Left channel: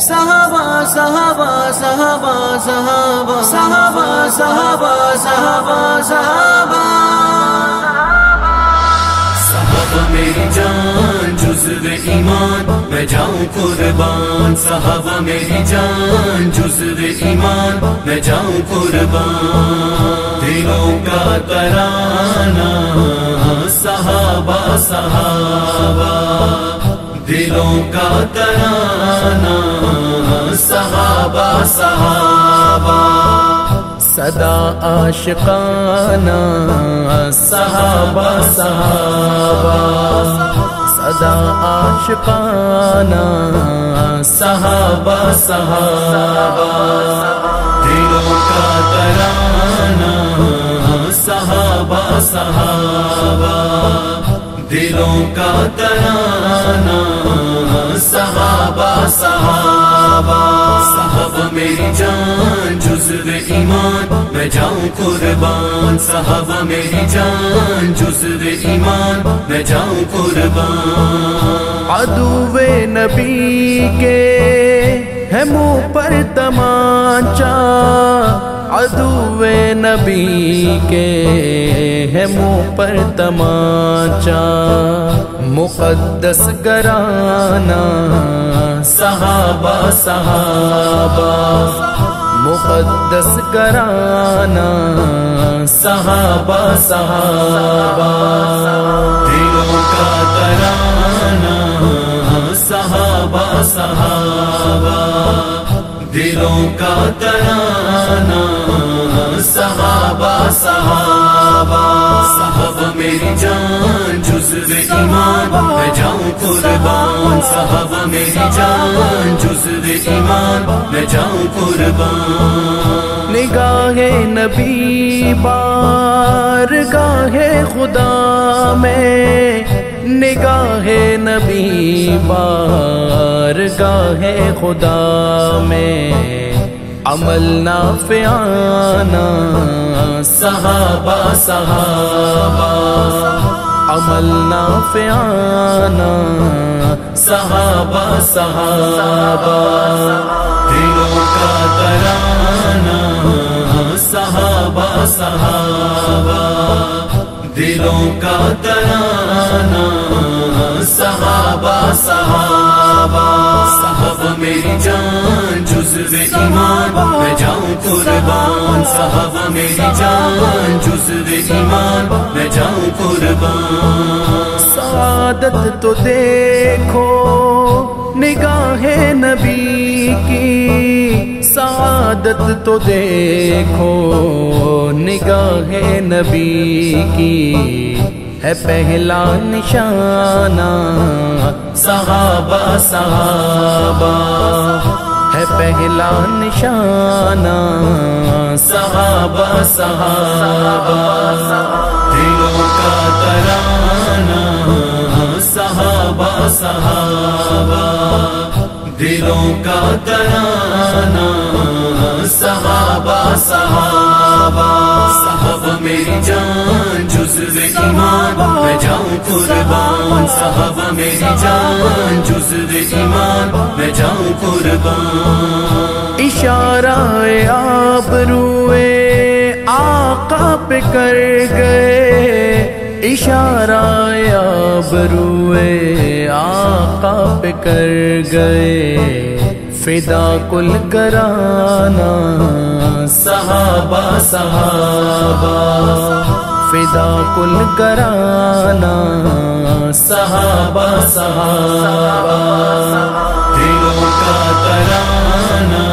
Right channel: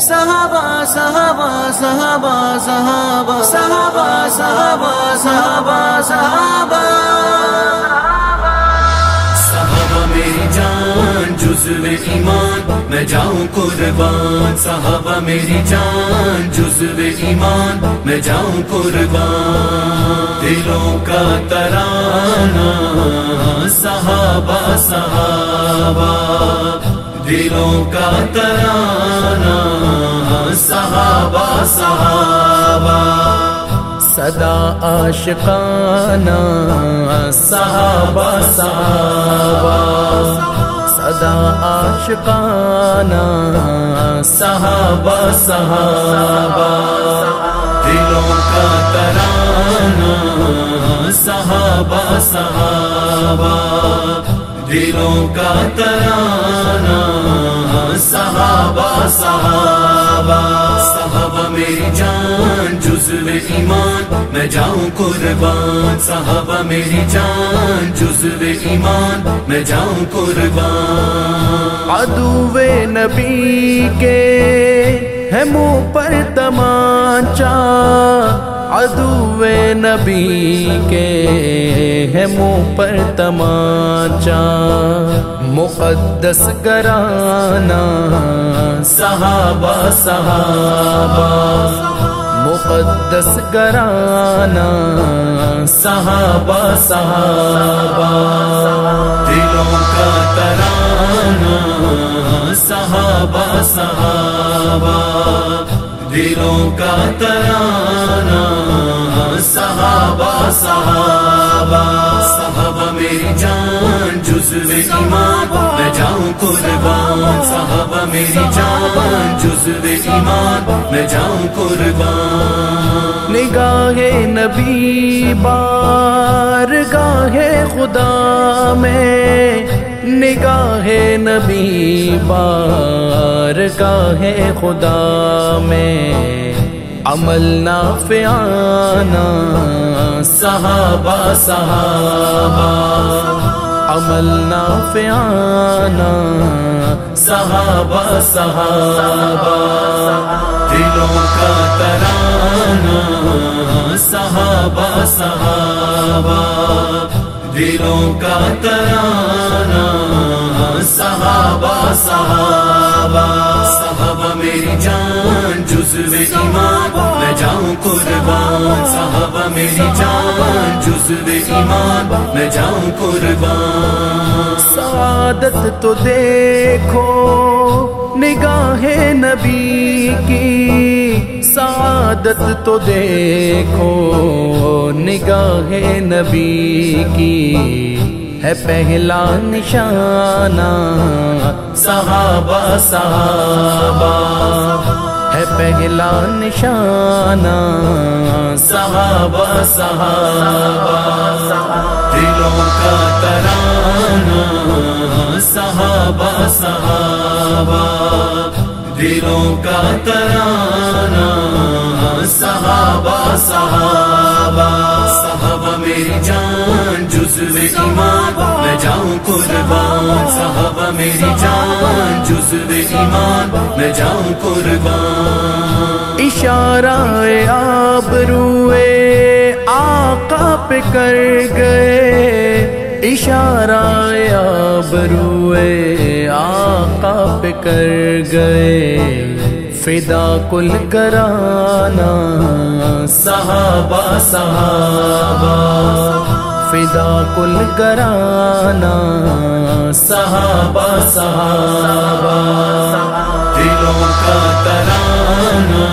صحابہ صحابہ صحابہ صحابہ صحابہ صحابہ صحابہ صحابہ صحابہ میری جان جزو ایمان میں جاؤں قربان صحابہ میری جان جزو ایمان میں جاؤں قربان دلوں کا ترانہ صحابہ صحابہ دلوں کا ترانہ صحابہ صحابہ صدا عاشقانہ صحابہ صحابہ صدا عاشقانہ صحابہ صحابہ دلوں کا ترانہ صحابہ صحابہ دلوں کا ترانہ صحابہ صحابہ صحابہ میری جان جزو ایمان میں جاؤں قربان صحابہ میری جان جزو ایمان میں جاؤں قربان عدو نبی کے ہے منہ پر تمانچہ عدو نبی کے ہے منہ پر تمانچہ مقدس گرانہ صحابہ صحابہ مقدس گرانہ صحابہ صحابہ دلوں کا ترانہ صحابہ صحابہ دلوں کا ترانہ صحابہ صحابہ صحابہ میری جان جزو ایمان میں جاؤں قربان صحابہ میری جان جزو ایمان میں جاؤں قربان نگاہ نبی بارگاہ خدا میں نگاہ نبی بارگاہ خدا میں عمل نافعانہ صحابہ صحابہ عمل نافعانہ صحابہ صحابہ دلوں کا ترانہ صحابہ صحابہ دلوں کا ترانہ صحابہ صحابہ صحابہ میری جان جزو ایمان میں جاؤں قربان صحابہ میری جان جزو ایمان میں جاؤں قربان سعادت تو دیکھو نگاہ نبی کی سعادت تو دیکھو نگاہ نبی کی ہے پہلا نشانہ صحابہ صحابہ ہے پہلا نشانہ صحابہ صحابہ دلوں کا ترانہ صحابہ صحابہ دلوں کا ترانہ صحابہ صحابہ صحابہ میری جان جزو ایمان میں جاؤں قربان صحابہ میری جان جزو ایمان میں جاؤں قربان اشارہ آبروئے آقا پہ کر گئے اشارہ آبروئے آقا پہ کر گئے فدا کل گرانہ صحابہ صحابہ فدا کل گرانہ صحابہ صحابہ دلوں کا ترانہ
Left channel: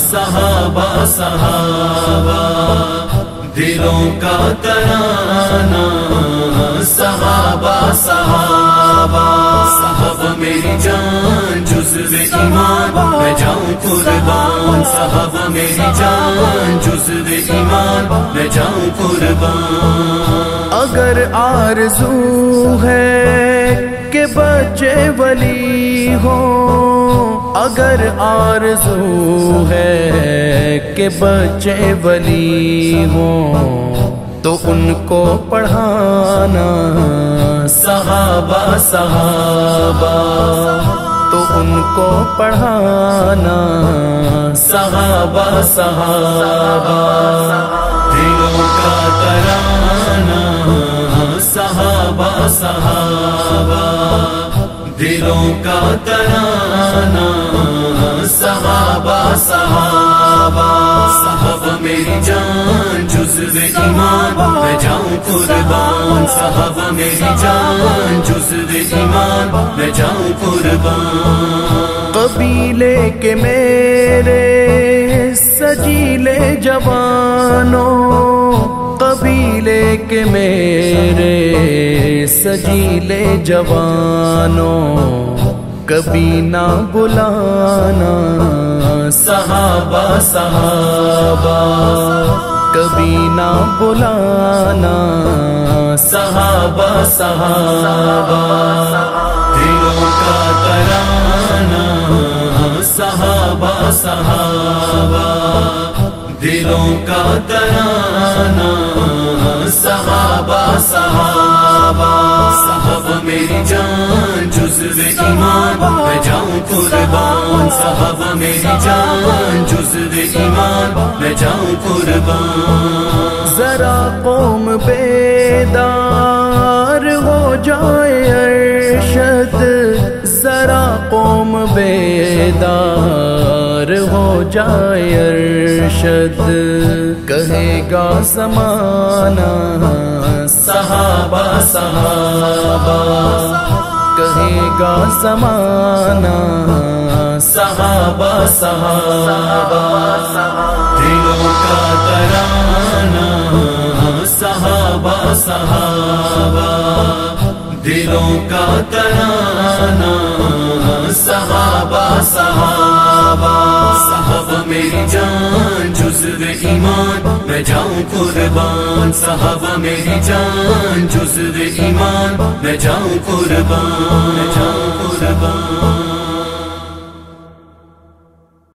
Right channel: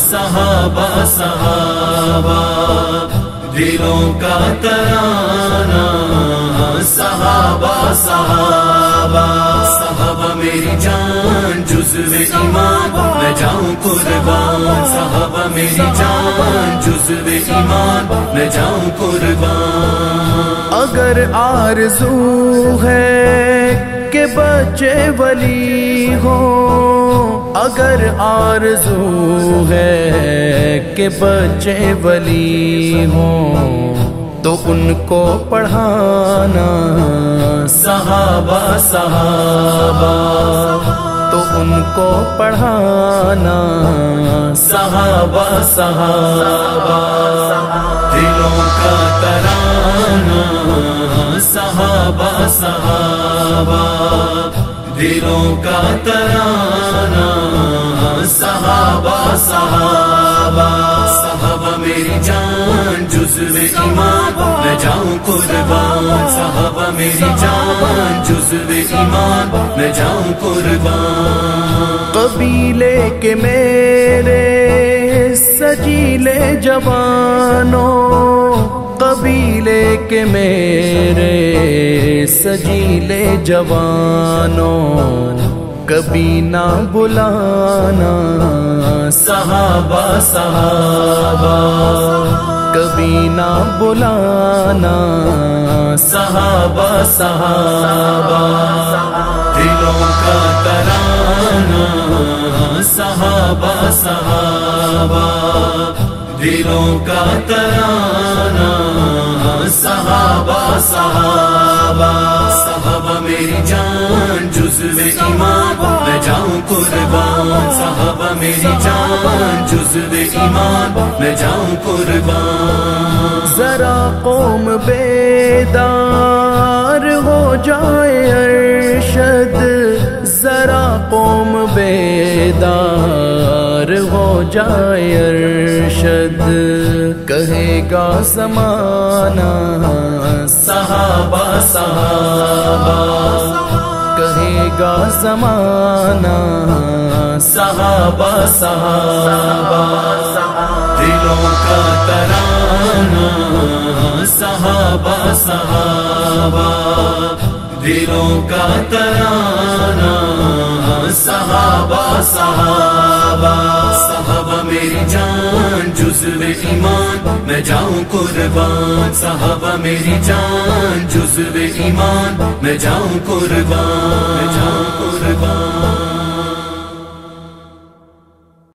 صحابہ صحابہ دلوں کا ترانہ صحابہ صحابہ صحابہ میری جان جزو ایمان میں جاؤں قربان صحابہ میری جان جزو ایمان میں جاؤں قربان اگر آرزو ہے کہ بچے ولی ہوں اگر آرزو ہے کہ بچے ولی ہوں تو ان کو پڑھانا صحابہ صحابہ تو ان کو پڑھانا صحابہ صحابہ، دلوں کا ترانہ صحابہ صحابہ، دلوں کا ترانہ صحابہ صحابہ، صحابہ میری جان جزو ایمان میں جاؤں قربان، صحابہ میری جان جزو ایمان میں جاؤں قربان، قبیلے کے میرے سجیلے جوانوں، قبیلے کے میرے سجیلے جوانوں، کبھی نہ بلانا صحابہ صحابہ، کبھی نہ بلانا صحابہ صحابہ، دلوں کا ترانہ صحابہ صحابہ، دلوں کا ترانہ صحابہ صحابہ، صحابہ میری جان جزو ایمان میں جاؤں قربان، صحابہ میری جان جزو ایمان میں جاؤں قربان، ذرا قوم بیدار ہو جائے ارشد، ذرا قوم بیدار ہو جائے ارشد، کہے گا زمانہ صحابہ صحابہ، کہے گا زمانہ صحابہ صحابہ، دلوں کا ترانہ صحابہ صحابہ، دلوں کا ترانہ صحابہ صحابہ، صحابہ میری جان جزو ایمان میں جاؤں قربان، صحابہ میری جان جزو ایمان میں جاؤں قربان۔